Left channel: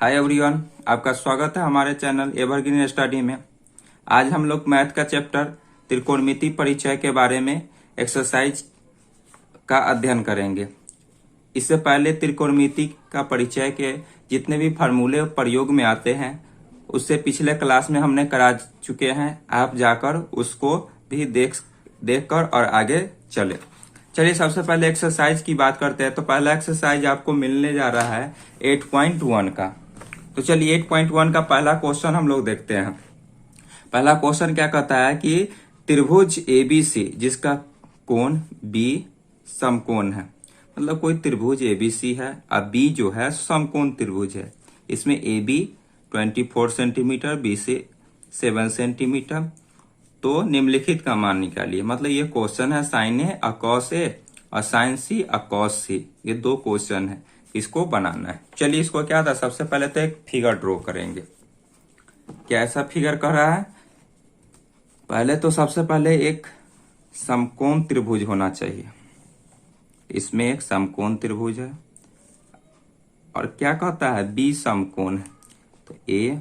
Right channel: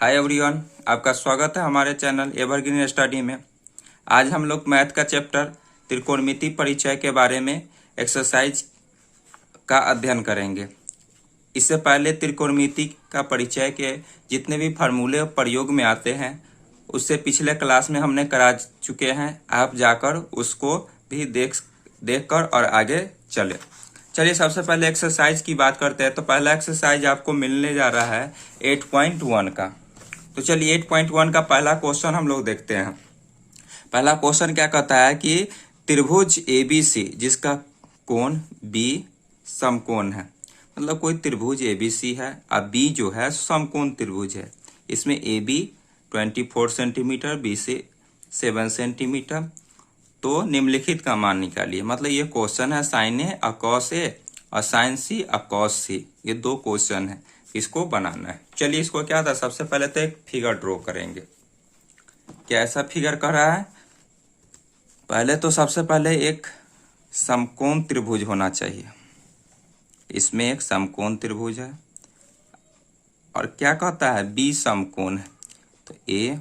Hi everyone, आपका स्वागत है हमारे चैनल एवरग्रीन स्टडी में। आज हम लोग मैथ का चैप्टर त्रिकोणमिति परिचय के बारे में एक्सरसाइज का अध्ययन करेंगे। इससे पहले त्रिकोणमिति का परिचय के जितने भी फार्मूले प्रयोग में आते हैं उससे पिछले क्लास में हमने करा चुके हैं। आप जाकर उसको भी देखकर और आगे चलिए सबसे पहले एक्सरसाइज की बात करते हैं। तो पहला एक्सरसाइज आपको मिलने जा रहा है 8.1 का। तो चलिए 8.1 का पहला क्वेश्चन हम लोग देखते हैं। पहला क्वेश्चन क्या कहता है कि त्रिभुज ABC जिसका कोण B समकोण है, मतलब कोई त्रिभुज ABC है और B जो है समकोण त्रिभुज है। इसमें AB 24 सेंटीमीटर, BC 7 सेंटीमीटर। तो निम्नलिखित का मान निकालिए। मतलब ये क्वेश्चन है साइन A और कॉस A और साइन C और कॉस C, ये दो क्वेश्चन है, इसको बनाना है। चलिए इसको क्या था, सबसे पहले तो एक फिगर ड्रॉ करेंगे। कैसा फिगर कह रहा है, पहले तो सबसे पहले एक समकोण त्रिभुज होना चाहिए। इसमें एक समकोण त्रिभुज है और क्या कहता है B समकोण है। तो A,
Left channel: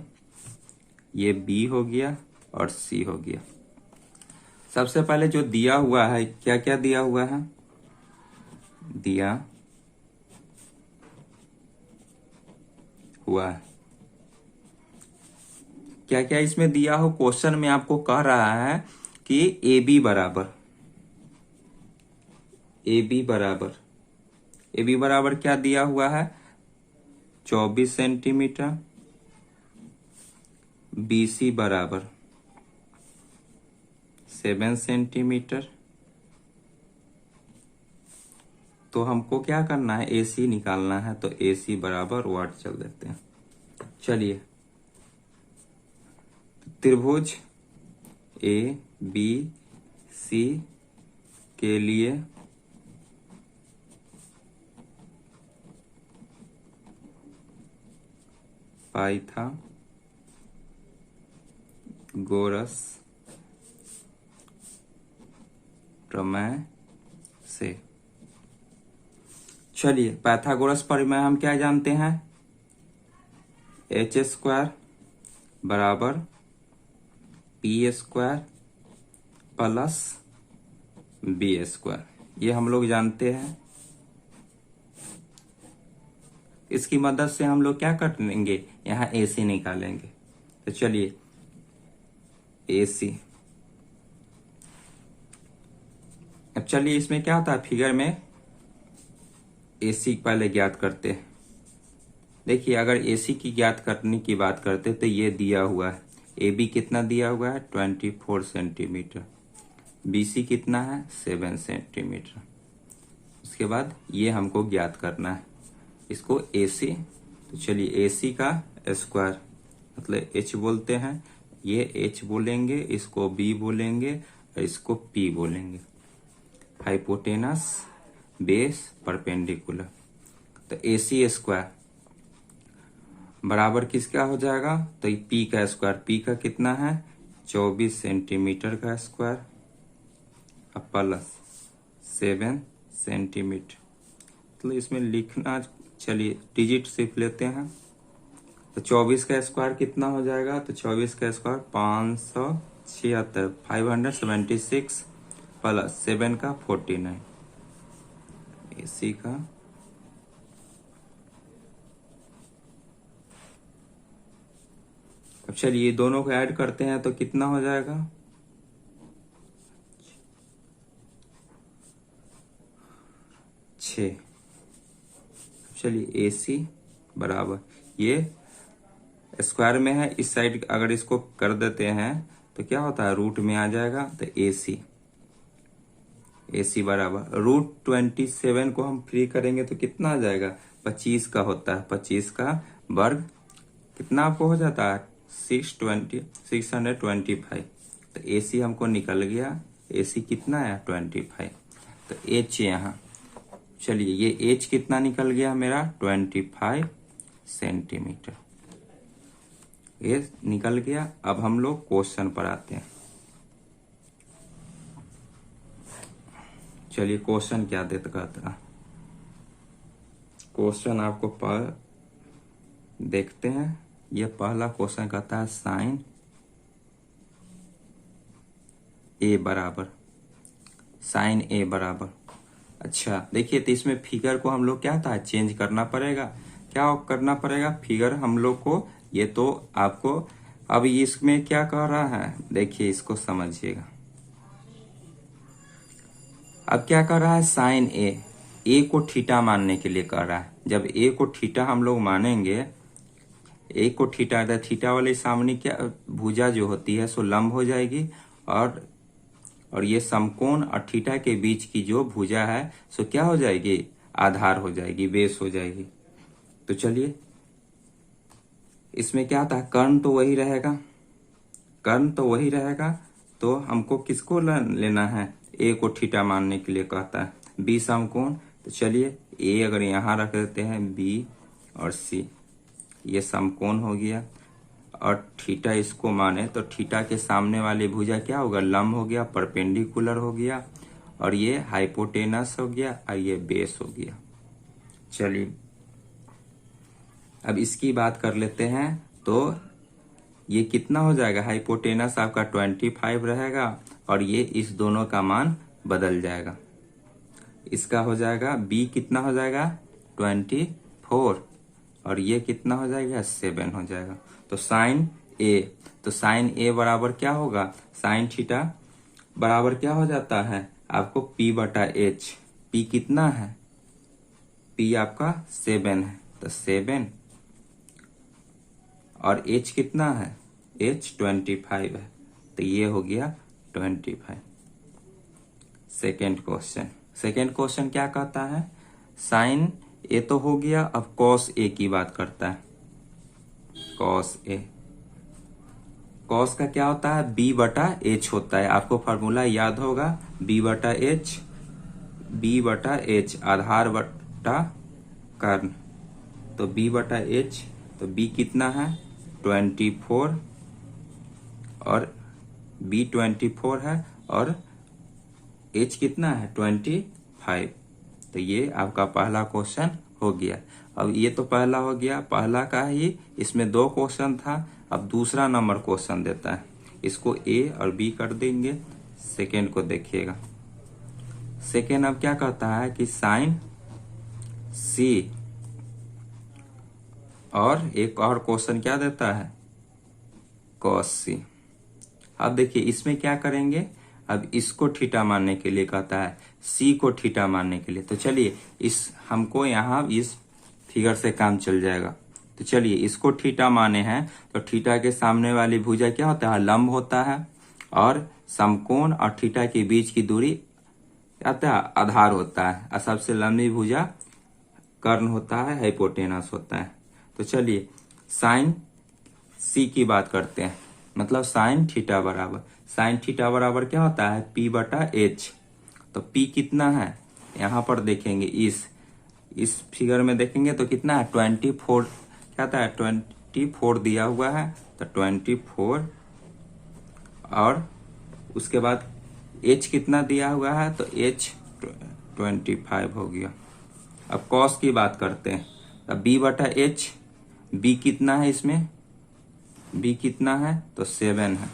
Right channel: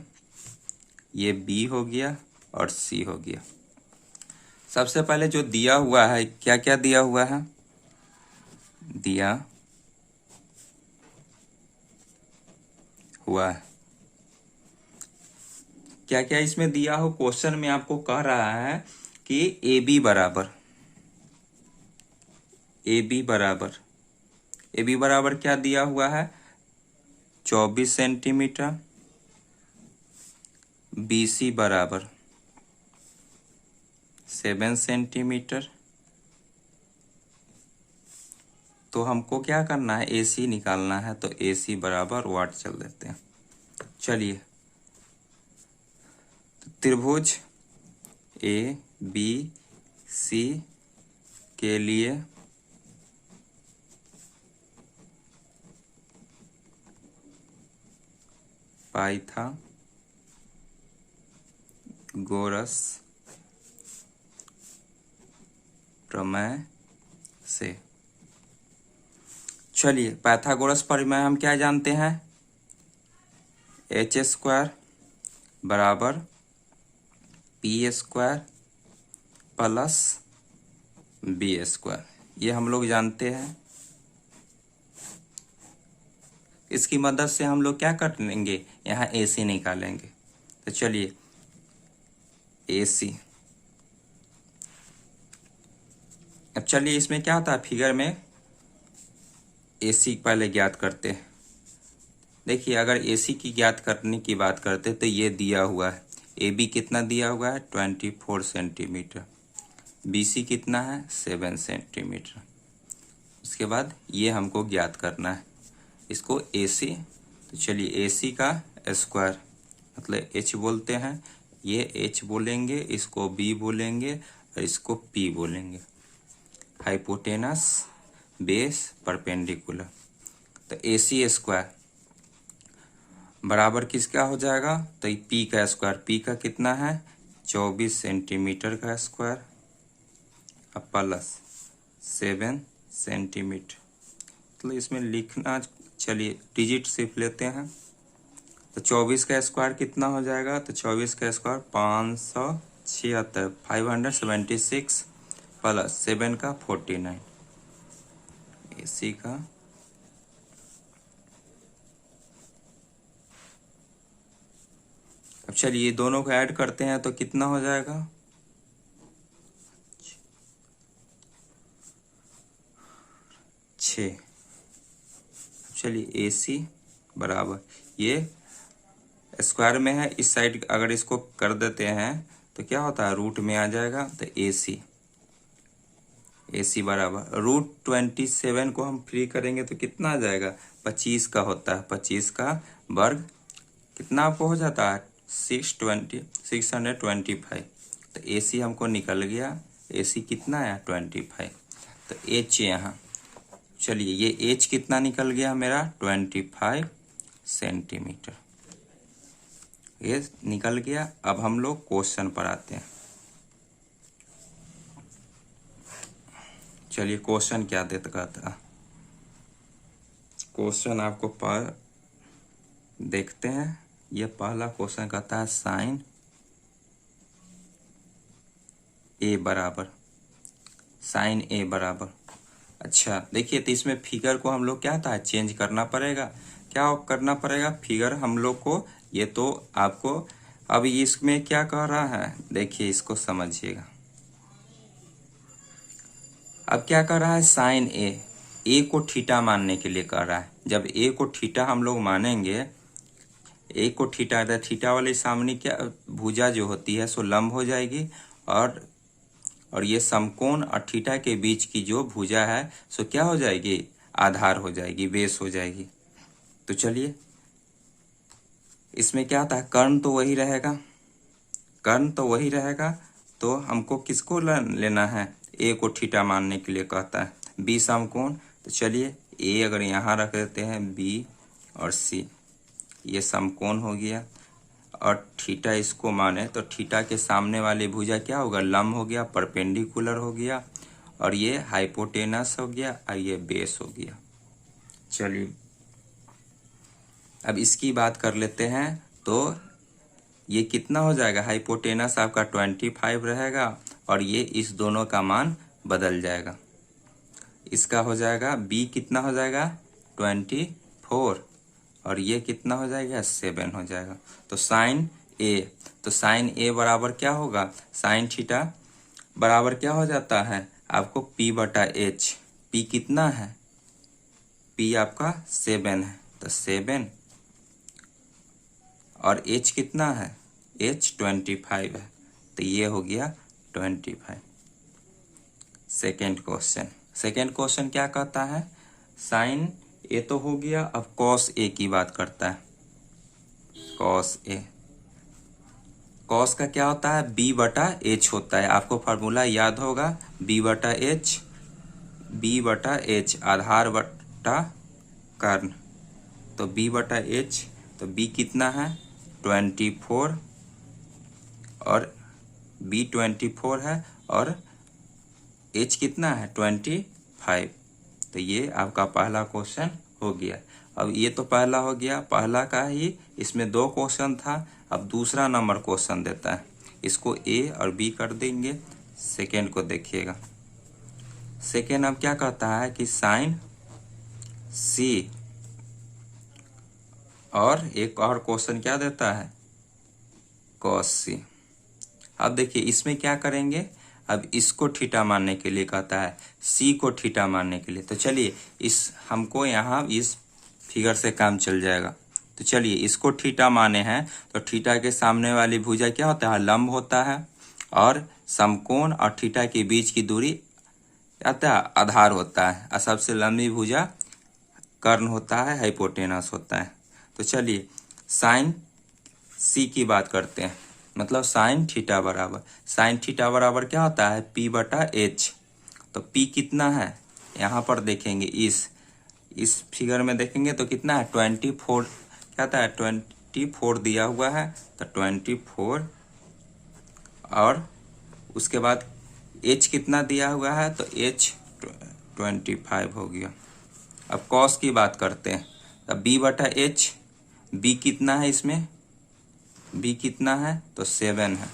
ये B हो गया और C हो गया। सबसे पहले जो दिया हुआ है, क्या क्या दिया हुआ है, दिया हुआ है क्या क्या इसमें दिया हो। क्वेश्चन में आपको कह रहा है कि AB बराबर क्या दिया हुआ है, 24 सेंटीमीटर। BC बराबर 7 सेंटीमीटर। तो हमको क्या करना है, AC निकालना है। तो AC बराबर वाट चल देते हैं। चलिए त्रिभुज ABC के लिए पाइथागोरस प्रमेय से। चलिए पाइथागोरस प्रमेय हम क्या जानते हैं, h² बराबर p² प्लस b², ये हम लोग जानते हैं। इसकी मदद से हम लोग क्या कर लेंगे, यहाँ AC निकालेंगे। तो चलिए AC, अब चलिए इसमें क्या था, फिगर में AC पहले ज्ञात करते हैं। देखिए अगर AC की ज्ञात करने की बात करते तो ये दिया हुआ है, AB कितना दिया हुआ है 24 सेंटीमीटर, BC कितना है 7 सेंटीमीटर। उसके बाद ये हमको ज्ञात करना है, इसको AC। तो चलिए AC का स्क्वायर मतलब H बोलते हैं, ये H बोलेंगे, इसको B बोलेंगे और इसको P बोलेंगे। Hypotenuse base perpendicular. तो AC स्क्वायर बराबर किसका हो जाएगा, तो P का स्क्वायर, P का कितना है 24 सेंटीमीटर का स्क्वायर प्लस 7 सेंटीमीटर। तो इसमें लिखना, चलिए डिजिट सिर्फ लेते हैं। तो 24 का स्क्वायर कितना हो जाएगा, तो 24 का स्क्वायर 576, 576 प्लस 7 का 49। AC का अब चलिए दोनों को ऐड करते हैं तो कितना हो जाएगा, 6। चलिए AC बराबर, ये स्क्वायर में है, इस साइड अगर इसको कर देते हैं तो क्या होता है, रूट में आ जाएगा। तो AC बराबर √27 को हम फ्री करेंगे तो कितना आ जाएगा, 25 का होता है, 25 का वर्ग कितना आपको हो जाता है 625। तो AC हमको निकल गया, AC कितना है 25। तो H यहाँ, चलिए ये H कितना निकल गया मेरा 25 सेंटीमीटर, ये निकल गया। अब हम लोग क्वेश्चन पर आते हैं। चलिए क्वेश्चन क्या देता कहता, क्वेश्चन आपको देखते हैं। ये पहला क्वेश्चन कहता है साइन ए बराबर, साइन ए बराबर। अच्छा देखिए, तो इसमें फिगर को हम लोग क्या था चेंज करना पड़ेगा। क्या करना पड़ेगा, फिगर हम लोग को, ये तो आपको अब इसमें क्या कह रहा है, देखिए इसको समझिएगा। अब क्या कर रहा है, साइन ए को थीटा मानने के लिए कर रहा है। जब ए को थीटा हम लोग मानेंगे, ए को थीटा, थीटा वाले सामने क्या भुजा जो होती है सो लंब हो जाएगी, और ये समकोण और थीटा के बीच की जो भुजा है सो क्या हो जाएगी, आधार हो जाएगी, बेस हो जाएगी। तो चलिए, इसमें क्या था, कर्ण तो वही रहेगा, कर्ण तो वही रहेगा। तो हमको किसको लेना है, ए को थीटा मानने के लिए कहता है, बी समकोण। तो चलिए, ए अगर यहाँ रख देते हैं, बी और सी, ये समकोण हो गया, और थीटा इसको माने तो थीटा के सामने वाली भुजा क्या होगा, लंब हो गया, परपेंडिकुलर हो गया, और ये हाइपोटेनस हो गया, और ये बेस हो गया। चलिए अब इसकी बात कर लेते हैं। तो ये कितना हो जाएगा, हाइपोटेनस आपका 25 रहेगा, और ये इस दोनों का मान बदल जाएगा। इसका हो जाएगा बी कितना हो जाएगा 24, और ये कितना हो जाएगा 7 हो जाएगा। तो साइन ए, तो साइन ए बराबर क्या होगा, साइन थीटा बराबर क्या हो जाता है आपको, पी बटा एच। पी कितना है, पी आपका 7 है, तो 7, और एच कितना है, एच 25 है, तो ये हो गया 25। सेकेंड क्वेश्चन, सेकेंड क्वेश्चन क्या कहता है, साइन ए तो हो गया, अब कॉस ए की बात करता है। कॉस ए, कॉस का क्या होता है, बी बटा एच होता है, आपको फॉर्मूला याद होगा, बी बटा एच, बी बटा एच आधार बटा कर्ण। तो बी बटा एच, तो बी कितना है 24, और बी 24 है, और एच कितना है 25। तो ये आपका पहला क्वेश्चन हो गया। अब ये तो पहला हो गया, पहला का ही, इसमें 2 क्वेश्चन था। अब दूसरा नंबर क्वेश्चन देता है, इसको ए और बी कर देंगे। सेकेंड को देखिएगा, सेकेंड अब क्या कहता है कि साइन सी, और एक और क्वेश्चन क्या देता है, कॉस सी। अब देखिए इसमें क्या करेंगे, अब इसको थीटा मानने के लिए कहता है, सी को थीटा मानने के लिए। तो चलिए, इस हमको यहाँ इस फिगर से काम चल जाएगा। तो चलिए, इसको थीटा माने हैं, तो थीटा के सामने वाली भुजा क्या होता है, लंब होता है, और समकोण और थीटा के बीच की दूरी आता है आधार होता है, और सबसे लंबी भुजा कर्ण होता है, हाइपोटेनस होता है। तो चलिए, साइन सी की बात करते हैं, मतलब साइन थीटा बराबर, साइन थीटा बराबर क्या होता है, पी बटा एच। तो पी कितना है, यहाँ पर देखेंगे, इस फिगर में देखेंगे तो कितना है 24, क्या था 24 दिया हुआ है, तो 24, और उसके बाद एच कितना दिया हुआ है, तो एच 25 हो गया। अब कॉस की बात करते हैं, अब बी बटा एच, बी कितना है इसमें, बी कितना है, तो 7 है,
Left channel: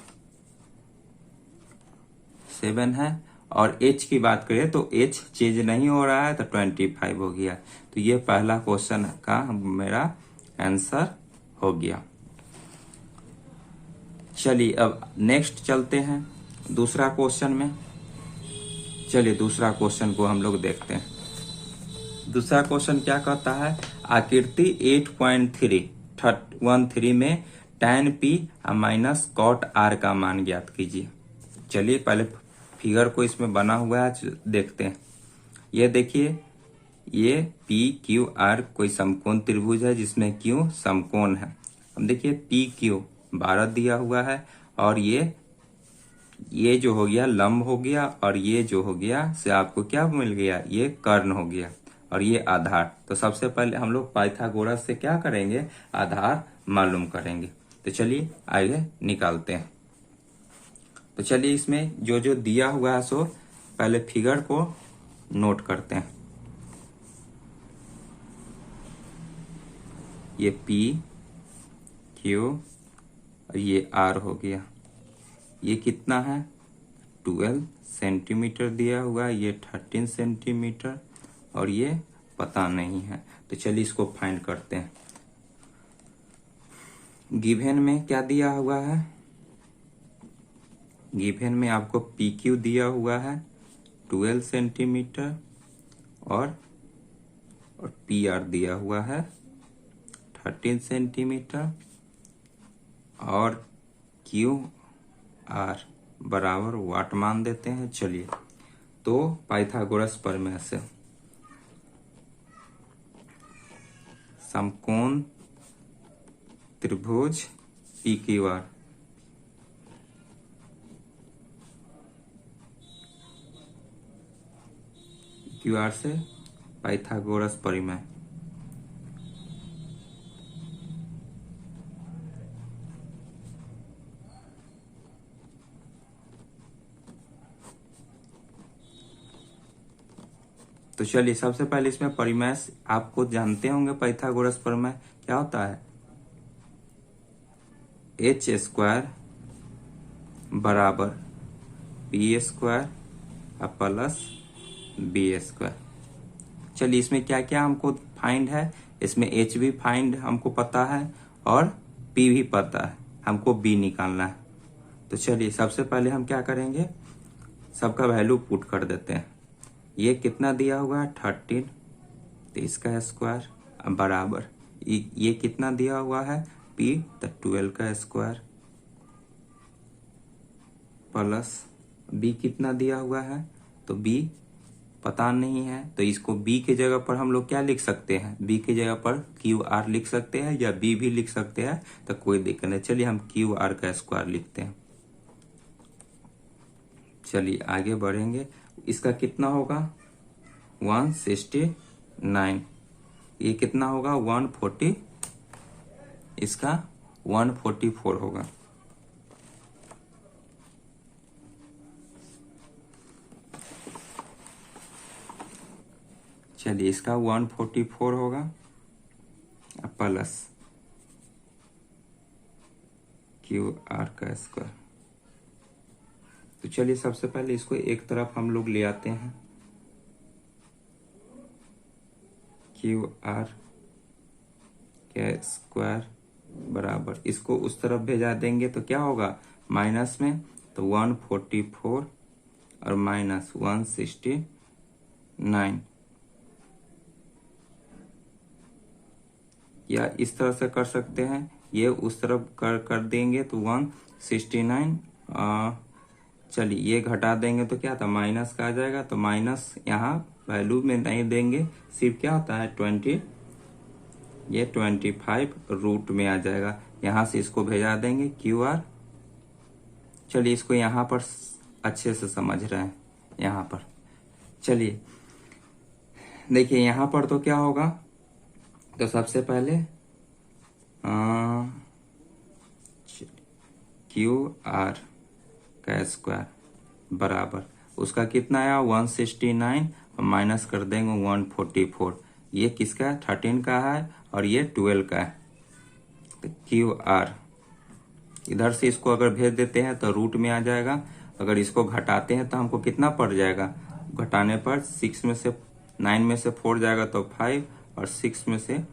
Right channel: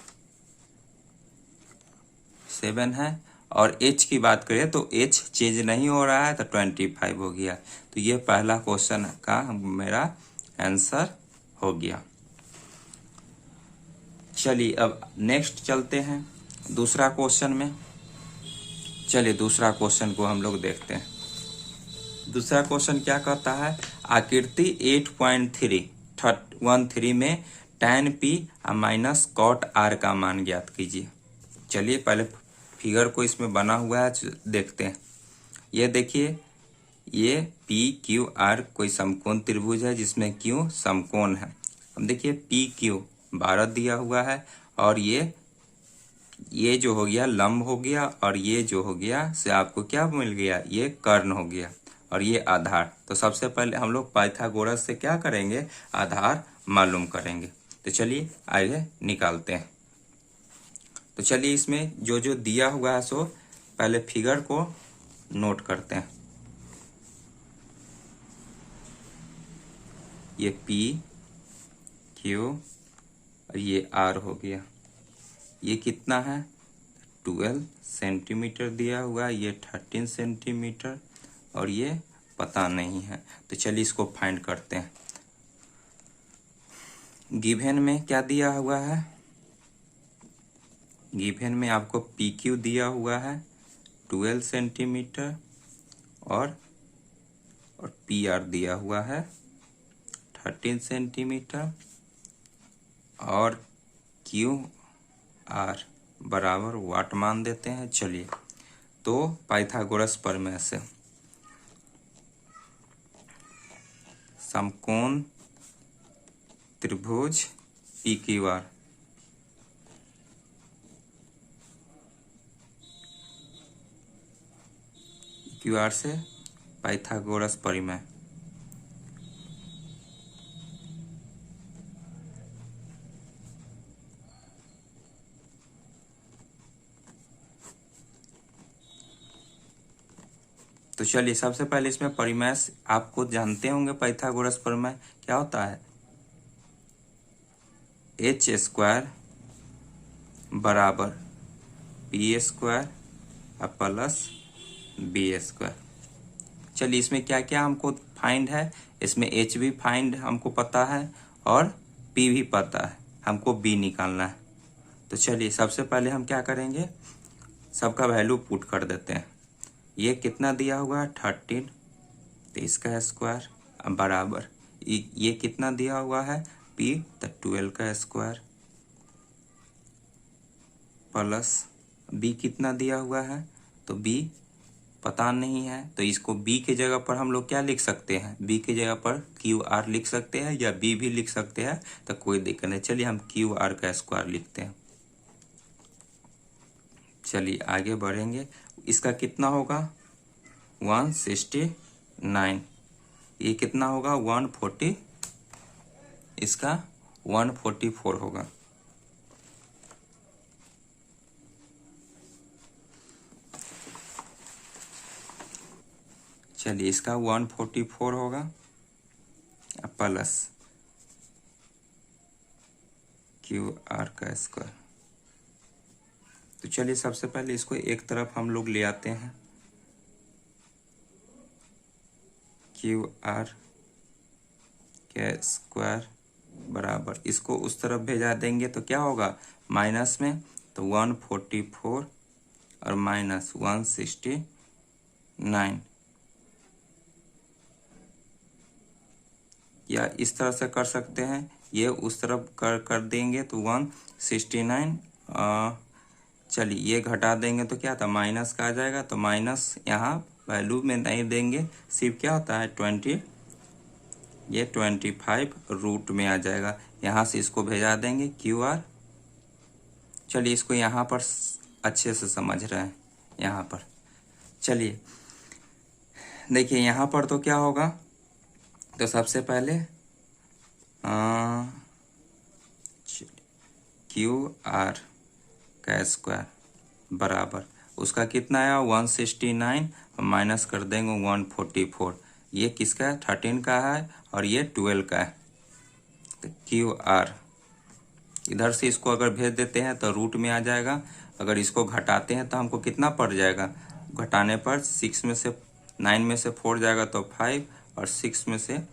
7 है, और एच की बात करें तो एच चेंज नहीं हो रहा है, तो 25 हो गया। तो ये पहला क्वेश्चन का मेरा आंसर हो गया। चलिए अब नेक्स्ट चलते हैं दूसरा क्वेश्चन में। चलिए दूसरा क्वेश्चन को हम लोग देखते हैं। दूसरा क्वेश्चन क्या कहता है, आकृति 8.313 में tan p minus cot r का मान ज्ञात कीजिए। चलिए पहले फिगर को इसमें बना हुआ है देखते हैं। ये देखिए, ये पी क्यू आर कोई समकोण त्रिभुज है जिसमें क्यू समकोण है। अब देखिए पी क्यू 12 दिया हुआ है, और ये जो हो गया लंब हो गया, और ये जो हो गया से आपको क्या मिल गया, ये कर्ण हो गया, और ये आधार। तो सबसे पहले हम लोग पाइथागोरस से क्या करेंगे, आधार मालूम करेंगे। तो चलिए आइए निकालते हैं। तो चलिए इसमें जो जो दिया हुआ है सो पहले फिगर को नोट करते हैं। ये P क्यू और ये आर हो गया। ये कितना है 12 सेंटीमीटर दिया हुआ है, ये 13 सेंटीमीटर और ये पता नहीं है। तो चलिए इसको फाइंड करते हैं। गिवन में क्या दिया हुआ है, गिवन में आपको पी क्यू दिया हुआ है 12 सेंटीमीटर और पी आर दिया हुआ है 13 सेंटीमीटर और क्यू आर बराबर वाट मान देते हैं। चलिए तो पाइथागोरस प्रमेय से समकोण त्रिभुज पी क्यू आर से पाइथागोरस प्रमेय। तो चलिए सबसे पहले इसमें परिमेय आपको जानते होंगे। पाइथागोरस प्रमेय क्या होता है, एच स्क्वायर बराबर P square plus B square. चलिए इसमें क्या क्या हमको फाइंड है, इसमें एच भी फाइंड हमको पता है और पी भी पता है, हमको बी निकालना है। तो चलिए सबसे पहले हम क्या करेंगे, सबका वैल्यू पुट कर देते हैं। ये कितना दिया हुआ है 13, तो इसका स्क्वायर बराबर ये कितना दिया हुआ है पी, तो 12 का स्क्वायर प्लस बी कितना दिया हुआ है, तो बी पता नहीं है, तो इसको बी के जगह पर हम लोग क्या लिख सकते हैं, बी के जगह पर क्यू आर लिख सकते हैं या बी भी लिख सकते हैं, तो कोई दिक्कत नहीं। चलिए हम क्यू आर का स्क्वायर लिखते हैं। चलिए आगे बढ़ेंगे। इसका कितना होगा 169, ये कितना होगा 140, इसका 144 होगा। चलिए इसका 144 होगा प्लस क्यू आर का स्क्वायर। तो चलिए सबसे पहले इसको एक तरफ हम लोग ले आते हैं, क्यू आर का स्क्वायर बराबर इसको उस तरफ भेजा देंगे तो क्या होगा माइनस में, तो 144 और माइनस 169, या इस तरह से कर सकते हैं, ये उस तरफ कर देंगे तो 169। चलिए ये घटा देंगे तो क्या था माइनस का आ जाएगा, तो माइनस यहाँ वैल्यू में नहीं देंगे, सिर्फ क्या होता है 20, ये 25 रूट में आ जाएगा। यहाँ से इसको भेजा देंगे क्यू आर। चलिए इसको यहाँ पर अच्छे से समझ रहे हैं। यहाँ पर चलिए देखिए यहाँ पर तो क्या होगा, तो सबसे पहले क्यू आर का स्क्वायर बराबर उसका कितना आया 169 और माइनस कर देंगे 144। ये किसका है 13 का है और ये 12 का है, तो क्यू आर इधर से इसको अगर भेज देते हैं तो रूट में आ जाएगा। अगर इसको घटाते हैं तो हमको कितना पड़ जाएगा, घटाने पर 6 में से 9 में से 4 जाएगा तो 5 और 6 में से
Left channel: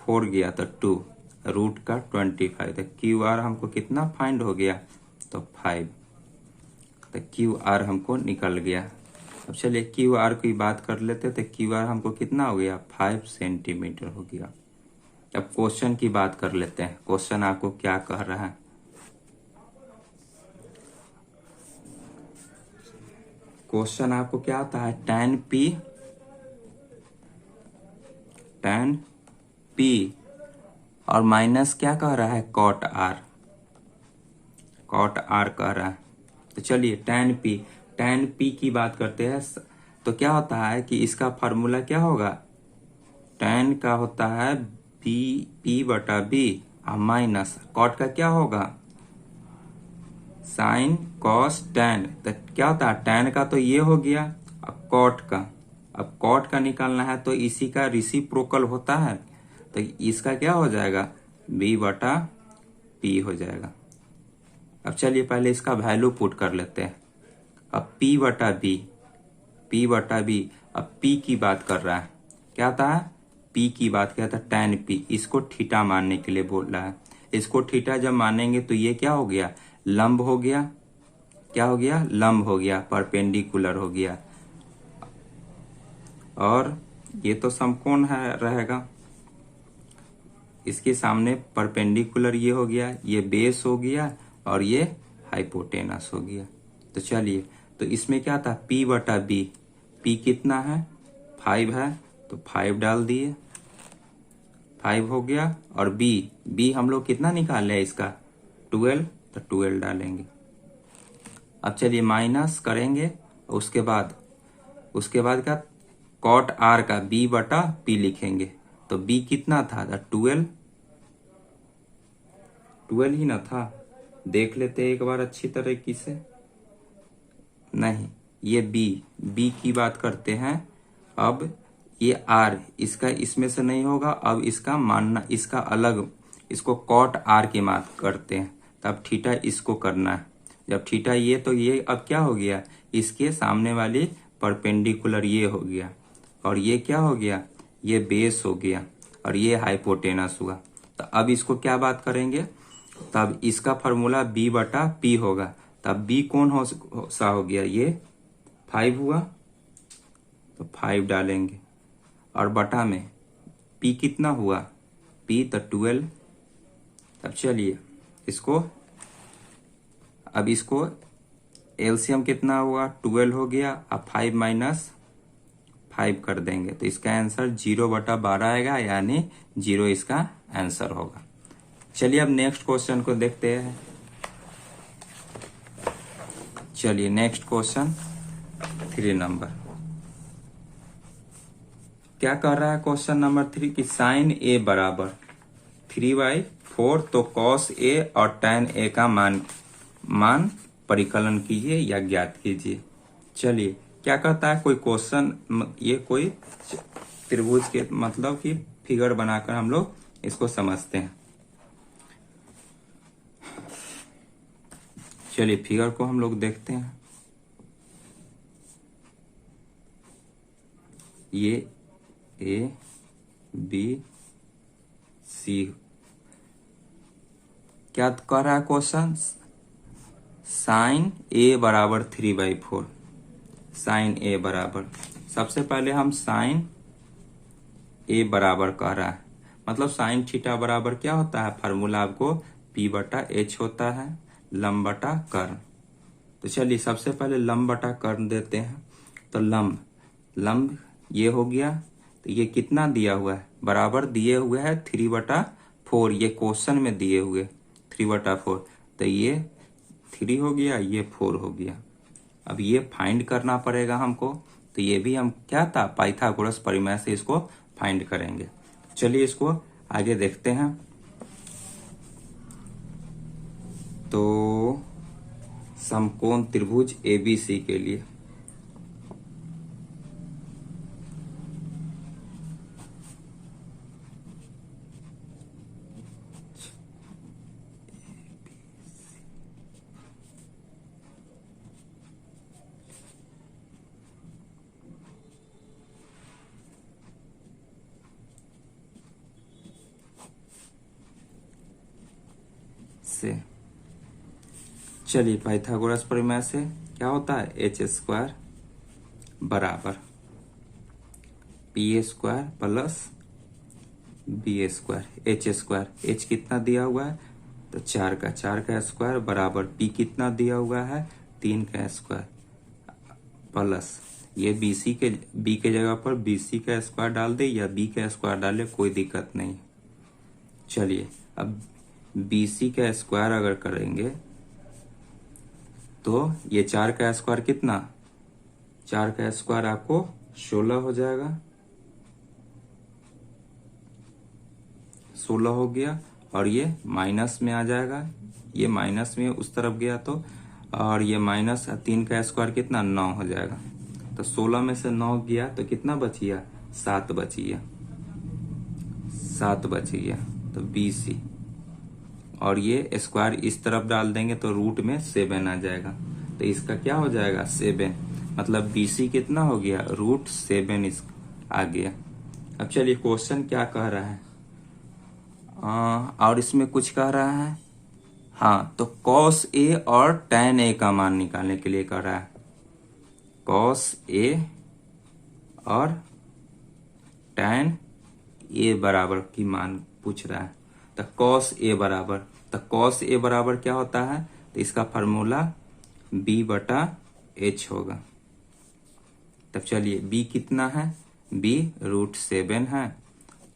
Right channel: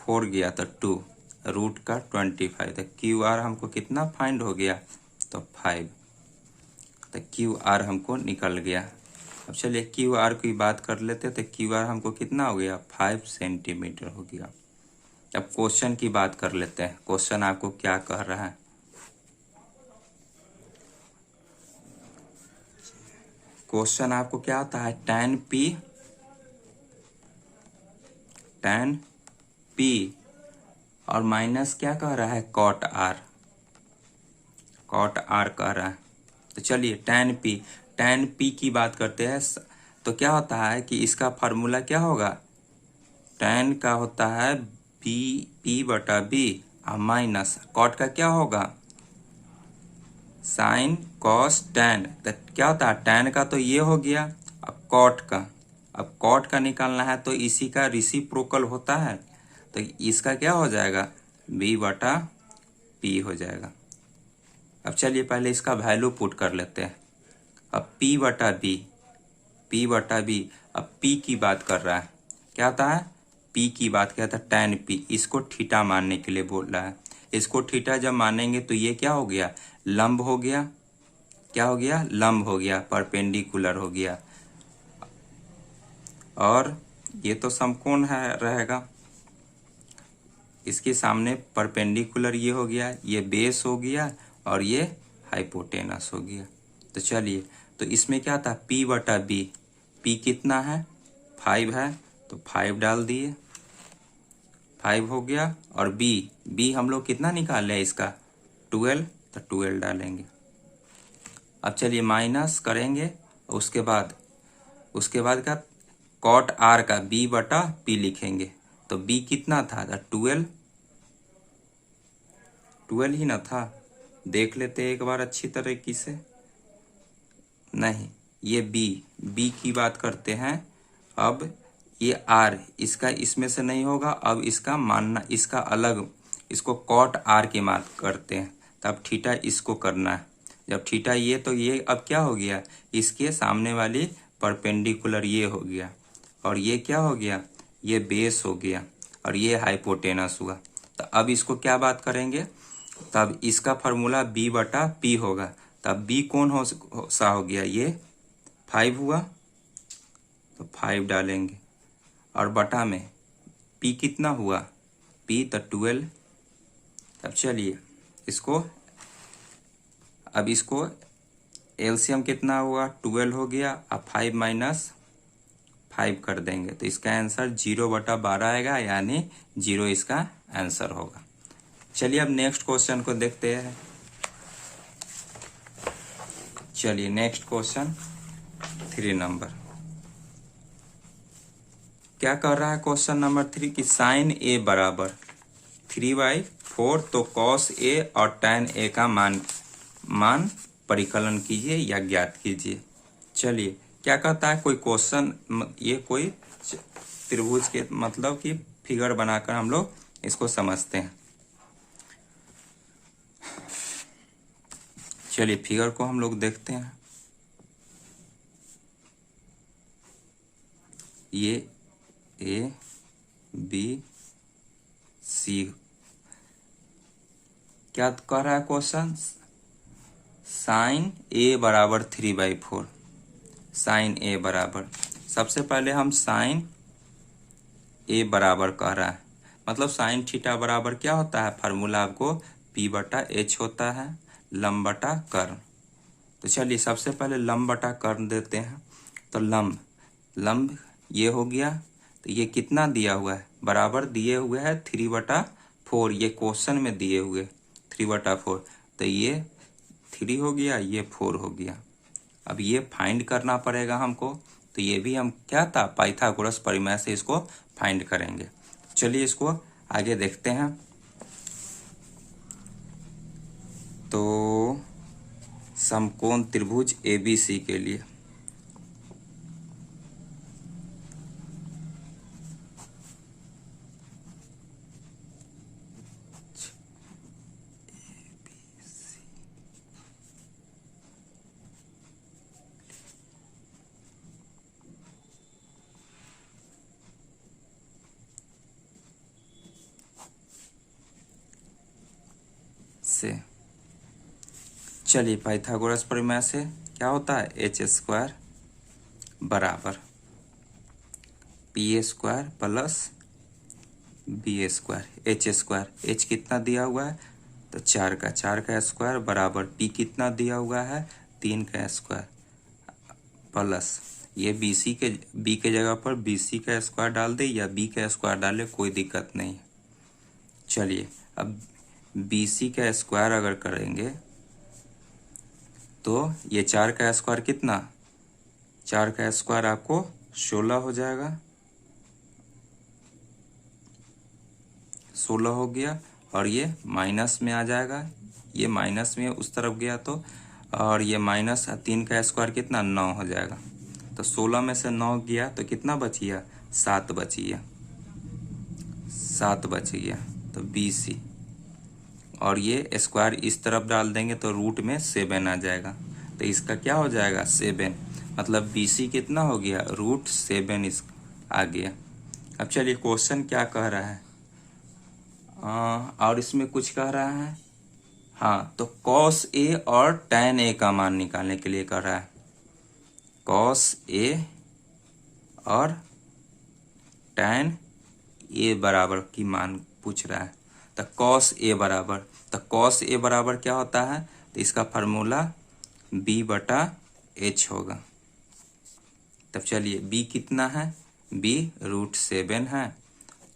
4 गया तो 2, रूट का 25। तो क्यू आर हमको कितना फाइंड हो गया, तो 5, तो क्यू आर हमको निकल गया। अब चलिए क्यू आर की बात कर लेते, तो क्यू आर हमको कितना हो गया 5 सेंटीमीटर हो गया। अब क्वेश्चन की बात कर लेते हैं, क्वेश्चन आपको क्या कह रहा है। क्वेश्चन आपको क्या आता है tan P और माइनस क्या कह रहा है cot R कह रहा है। तो चलिए tan P की बात करते हैं। तो क्या होता है कि इसका फार्मूला क्या होगा, tan का होता है P बटा B और माइनस cot का क्या होगा साइन कॉस tan। तो क्या होता है tan का तो ये हो गया, अब cot का निकालना है तो इसी का रेसिप्रोकल होता है, तो इसका क्या हो जाएगा B बटा पी हो जाएगा। अब चलिए पहले इसका वैल्यू पुट कर लेते हैं। अब P बटा B, अब P की बात कर रहा है, क्या आता है, P की बात क्या था, tan P, इसको थीटा मानने के लिए बोल रहा है। इसको थीटा जब मानेंगे तो ये क्या हो गया, लंब हो गया, क्या हो गया, लंब हो गया, परपेंडिकुलर हो गया। और ये तो समकोण है रहेगा, इसके सामने परपेंडिकुलर ये हो गया, ये बेस हो गया और ये हाइपोटेनस हो गया। तो चलिए, तो इसमें क्या था, P बटा B, P कितना है, 5 है, तो 5 डाल दिए, 5 हो गया। और B हम लोग कितना निकाले हैं इसका, 12, तो 12 डालेंगे। अब चलिए माइनस करेंगे, उसके बाद क्या, कॉट R का B बटा P लिखेंगे। तो B कितना था, 12 ही ना था, देख लेते एक बार अच्छी तरीके से। नहीं, ये B की बात करते हैं। अब ये R इसका इसमें से नहीं होगा, अब इसका मानना, इसका अलग, इसको कॉट R की बात करते हैं। तब थीटा इसको करना है, जब थीटा ये, तो ये अब क्या हो गया, इसके सामने वाली परपेंडिकुलर ये हो गया, और ये क्या हो गया, ये बेस हो गया, और ये हाइपोटेनस हुआ। तो अब इसको क्या बात करेंगे, तब इसका फार्मूला B बटा P होगा। तब B कौन सा हो गया, ये 5 हुआ, तो 5 डालेंगे। और बटा में P कितना हुआ, P तो 12। अब चलिए इसको एलसीएम कितना हुआ, 12 हो गया। अब 5 माइनस 5 कर देंगे, तो इसका आंसर 0/12 आएगा, यानी 0 इसका आंसर होगा। चलिए अब नेक्स्ट क्वेश्चन को देखते हैं। चलिए नेक्स्ट क्वेश्चन 3 नंबर, क्या कर रहा है क्वेश्चन नंबर 3 की साइन A बराबर 3/4, तो कॉस A और tan A का मान परिकलन कीजिए या ज्ञात कीजिए। चलिए क्या कहता है, कोई क्वेश्चन, ये कोई त्रिभुज के मतलब कि फिगर बनाकर हम लोग इसको समझते हैं। चलिए फिगर को हम लोग देखते हैं। ये A B C, क्या कह रहा है क्वेश्चन, साइन A बराबर 3/4, साइन A बराबर, सबसे पहले हम साइन A बराबर कह रहा है, मतलब साइन थीटा बराबर क्या होता है, फार्मूला आपको P बटा H होता है, लंब बटा कर्ण। तो चलिए सबसे पहले लंब बटा कर्ण देते हैं। तो लंब ये हो गया, तो ये कितना दिया हुआ है, बराबर दिए हुए है 3/4, ये क्वेश्चन में दिए हुए 3/4, तो ये 3 हो गया, ये 4 हो गया। अब ये फाइंड करना पड़ेगा हमको, तो ये भी हम क्या था, पाइथागोरस प्रमेय से इसको फाइंड करेंगे। चलिए इसको आगे देखते हैं। तो समकोण त्रिभुज ABC के लिए से, चलिए पाइथागोरस प्रमेय से क्या होता है, h² बराबर p² plus b², h², h कितना दिया हुआ है, तो 4 का स्क्वायर बराबर p कितना दिया हुआ है, 3 का स्क्वायर, प्लस ये b के जगह पर bc का स्क्वायर डाल दे या b का स्क्वायर डाले, कोई दिक्कत नहीं। चलिए अब bc का स्क्वायर अगर करेंगे तो ये 4 का स्क्वायर कितना, 4 का स्क्वायर आपको 16 हो जाएगा, 16 हो गया। और ये माइनस में आ जाएगा, ये माइनस में उस तरफ गया तो, और ये माइनस 3 का स्क्वायर कितना, 9 हो जाएगा। तो 16 में से 9 गया तो कितना बच गया, 7 बच गया, 7 बच गया। तो BC और ये स्क्वायर इस तरफ डाल देंगे तो रूट में 7 आ जाएगा। तो इसका क्या हो जाएगा 7, मतलब BC कितना हो गया √7 इस आ गया। अब चलिए क्वेश्चन क्या कह रहा है, और इसमें कुछ कह रहा है। हाँ, तो cos A और tan A का मान निकालने के लिए कह रहा है। cos A और tan A बराबर की मान पूछ रहा है। तो cos A बराबर, तो cos A बराबर क्या होता है, तो इसका फार्मूला B/H होगा। तब चलिए B कितना है, B √7 है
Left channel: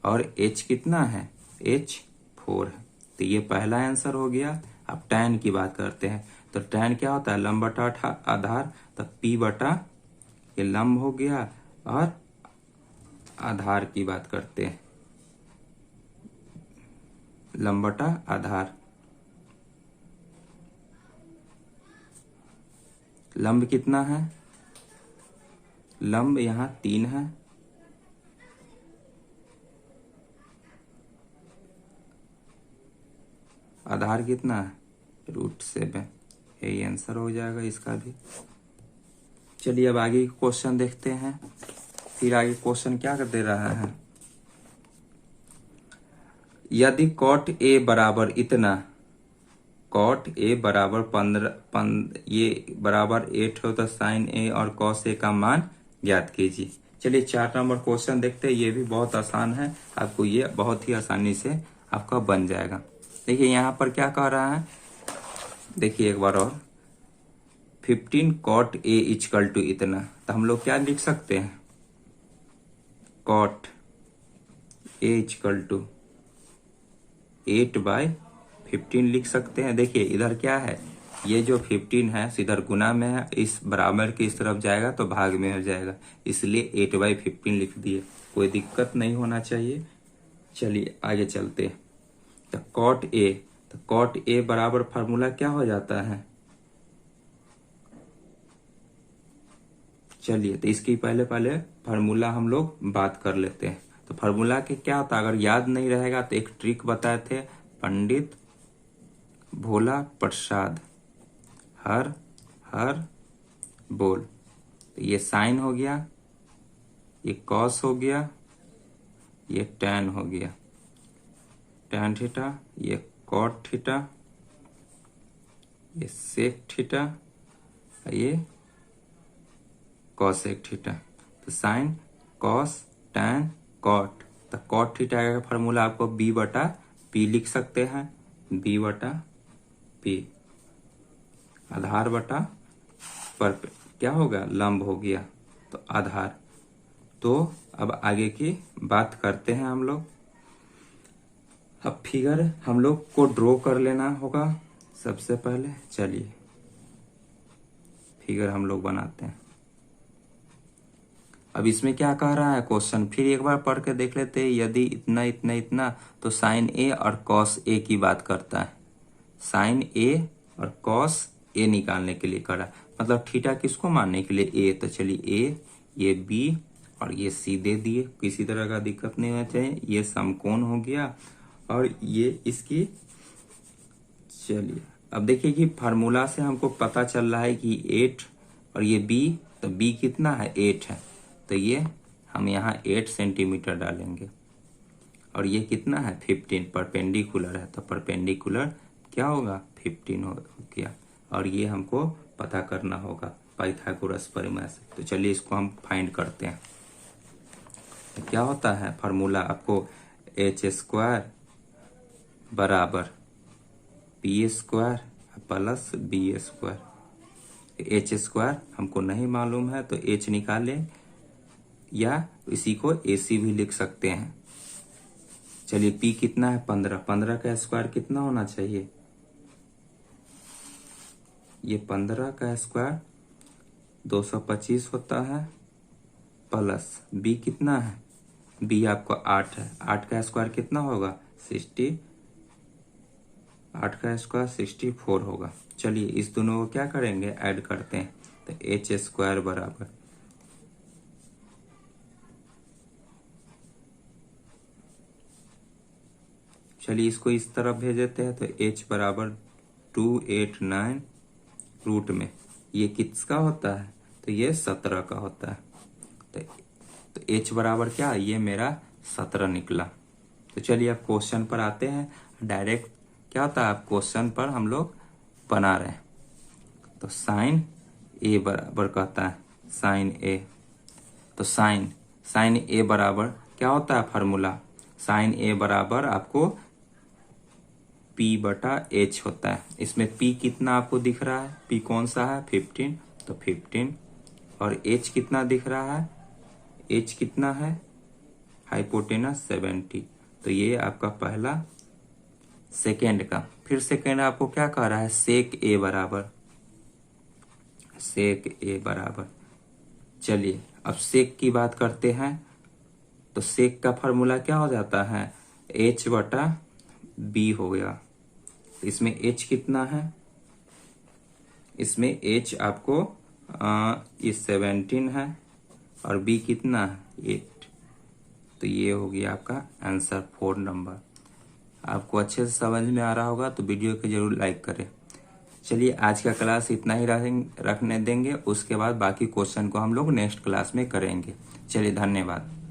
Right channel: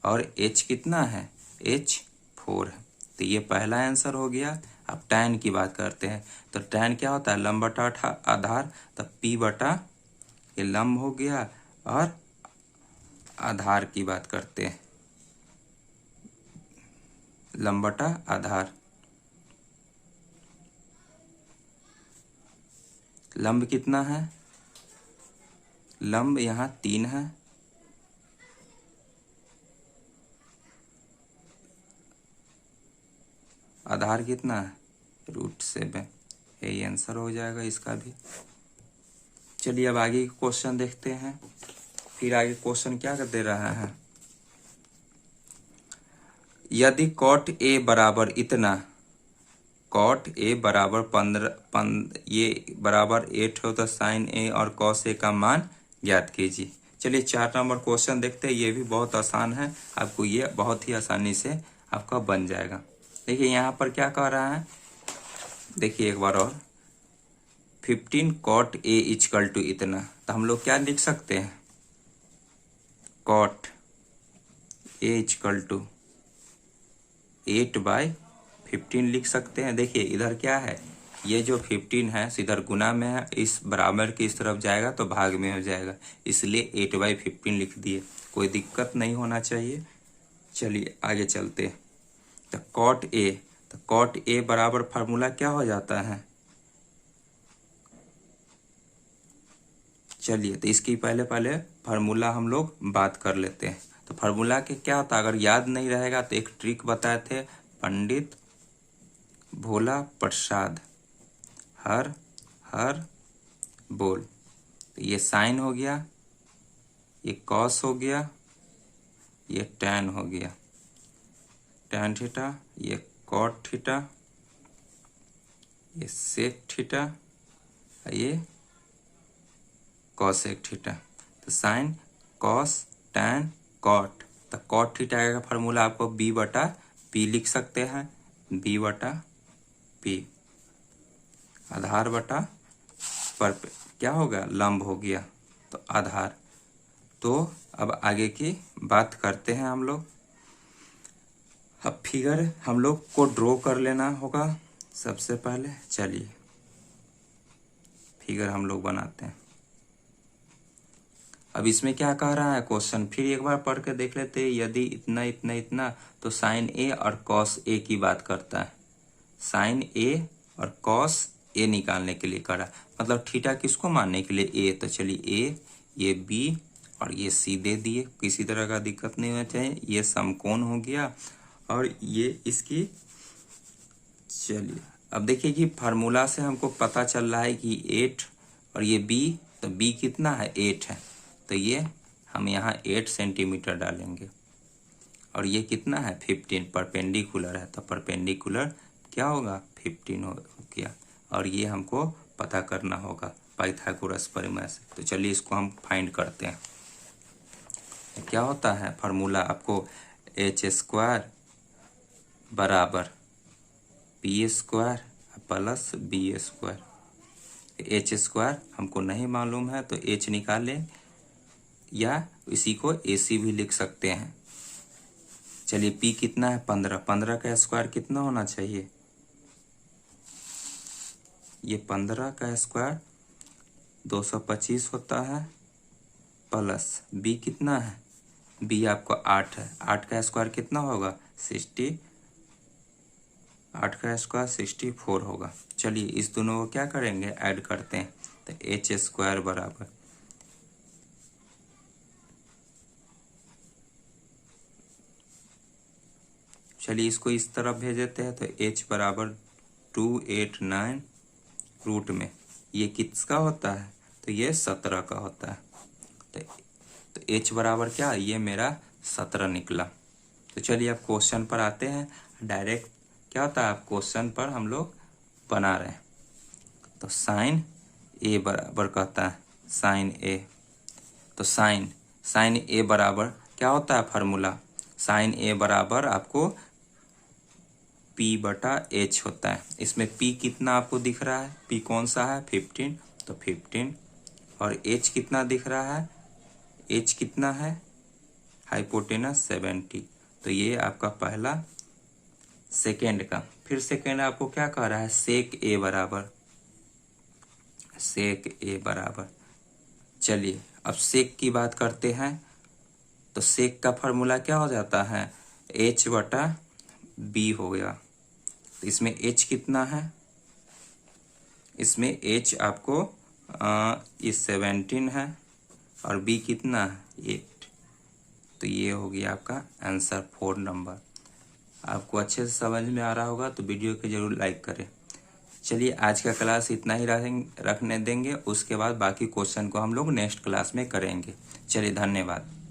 और H कितना है, H 4 है। तो ये पहला आंसर हो गया। अब tan की बात करते हैं, तो tan क्या होता है लंब बटा आधार, तो P बटा ये लंब हो गया, और आधार की बात करते हैं लंब बटा आधार। लंब कितना है, लंब यहाँ 3 है, आधार कितना है √7। यही आंसर हो जाएगा इसका भी। चलिए अब आगे क्वेश्चन देखते हैं। फिर आगे क्वेश्चन क्या कर दे रहा है, यदि cot A बराबर इतना, cot A बराबर 15 ये बराबर 8 हो तो sin A और cos A का मान ज्ञात कीजिए। चलिए 4 नंबर क्वेश्चन देखते हैं। ये भी बहुत आसान है, आपको ये बहुत ही आसानी से आपका बन जाएगा। देखिए यहाँ पर क्या कह रहा है, देखिए एक बार और, 15 cot A इक्वल टू इतना, तो हम लोग क्या लिख सकते हैं, cot A इक्वल टू 8/15 लिख सकते हैं। देखिए इधर क्या है, ये जो 15 है इधर गुना में है, इस बराबर की इस तरफ जाएगा तो भाग में हो जाएगा, इसलिए 8/15 लिख दिए, कोई दिक्कत नहीं होना चाहिए। चलिए आगे चलते। तो cot A बराबर फार्मूला क्या हो जाता है, चलिए तो इसकी पहले फार्मूला हम लोग बात कर लेते हैं। तो फार्मूला के क्या होता है, अगर याद नहीं रहेगा तो एक ट्रिक बताए थे पंडित भोला प्रसाद, हर हर बोल। तो ये साइन हो गया, ये कॉस हो गया, ये टैन हो गया, टैन थीटा, ये कॉट थीटा, ये सेक थीटा, ये कॉसेक थीटा। तो साइन कॉस टैन कॉट, तो कॉट थीटा का फार्मूला आपको B/P लिख सकते हैं, B/P, आधार बटा पर क्या होगा लंब हो गया, तो आधार। तो अब आगे की बात करते हैं हम लोग। अब फिगर हम लोग को ड्रॉ कर लेना होगा सबसे पहले। चलिए फिगर हम लोग बनाते हैं। अब इसमें क्या कह रहा है क्वेश्चन, फिर एक बार पढ़ के देख लेते हैं। यदि इतना इतना इतना, तो साइन A और कॉस A की बात करता है, साइन A और कॉस A निकालने के लिए करा, मतलब थीटा किसको मानने के लिए A। तो चलिए A, ये B और ये C दे दिए, किसी तरह का दिक्कत नहीं होना चाहिए। ये समकोण हो गया और ये इसकी, चलिए अब देखिए कि फार्मूला से हमको पता चल रहा है कि 8 और ये B, तो B कितना है 8 है, तो ये हम यहाँ 8 सेंटीमीटर डालेंगे, और ये कितना है 15, परपेंडिकुलर है, तो परपेंडिकुलर क्या होगा 15 हो गया। और ये हमको पता करना होगा पाइथागोरस प्रमेय से। तो चलिए इसको हम फाइंड करते हैं। क्या होता है फार्मूला, आपको h² बराबर P² प्लस B²। h² हमको नहीं मालूम है तो h निकालें, या इसी को AC भी लिख सकते हैं। चलिए P कितना है 15, 15 का स्क्वायर कितना होना चाहिए, ये 15 का स्क्वायर 225 होता है, प्लस B कितना है, B आपको 8 है, 8 का स्क्वायर कितना होगा 60, 8 का स्क्वायर 64 होगा। चलिए इस दोनों को क्या करेंगे ऐड करते हैं, तो h² बराबर, चलिए इसको इस तरफ भेज देते हैं। तो h बराबर 289 रूट में, ये किसका होता है? तो ये 17 का होता है। तो h बराबर क्या, ये मेरा 17 निकला। तो चलिए अब क्वेश्चन पर आते हैं। डायरेक्ट क्या होता है, अब क्वेश्चन पर हम लोग बना रहे हैं। तो साइन ए बराबर कहता है साइन ए। तो साइन ए बराबर क्या होता है फार्मूला, साइन ए बराबर आपको P बटा H होता है। इसमें P कितना आपको दिख रहा है, P कौन सा है 15, तो 15। और H कितना दिख रहा है, H कितना है हाइपोटेनस 70। तो ये आपका पहला। सेकेंड का, फिर सेकेंड आपको क्या कह रहा है, सेक ए बराबर। चलिए अब सेक की बात करते हैं। तो सेक का फॉर्मूला क्या हो जाता है, H बटा B हो गया। इसमें H कितना है, इसमें H आपको ये 17 है और B कितना है 8। तो ये हो गया आपका आंसर 4 नंबर। आपको अच्छे से समझ में आ रहा होगा तो वीडियो को जरूर लाइक करें। चलिए आज का क्लास इतना ही रखने देंगे, उसके बाद बाकी क्वेश्चन को हम लोग नेक्स्ट क्लास में करेंगे। चलिए धन्यवाद।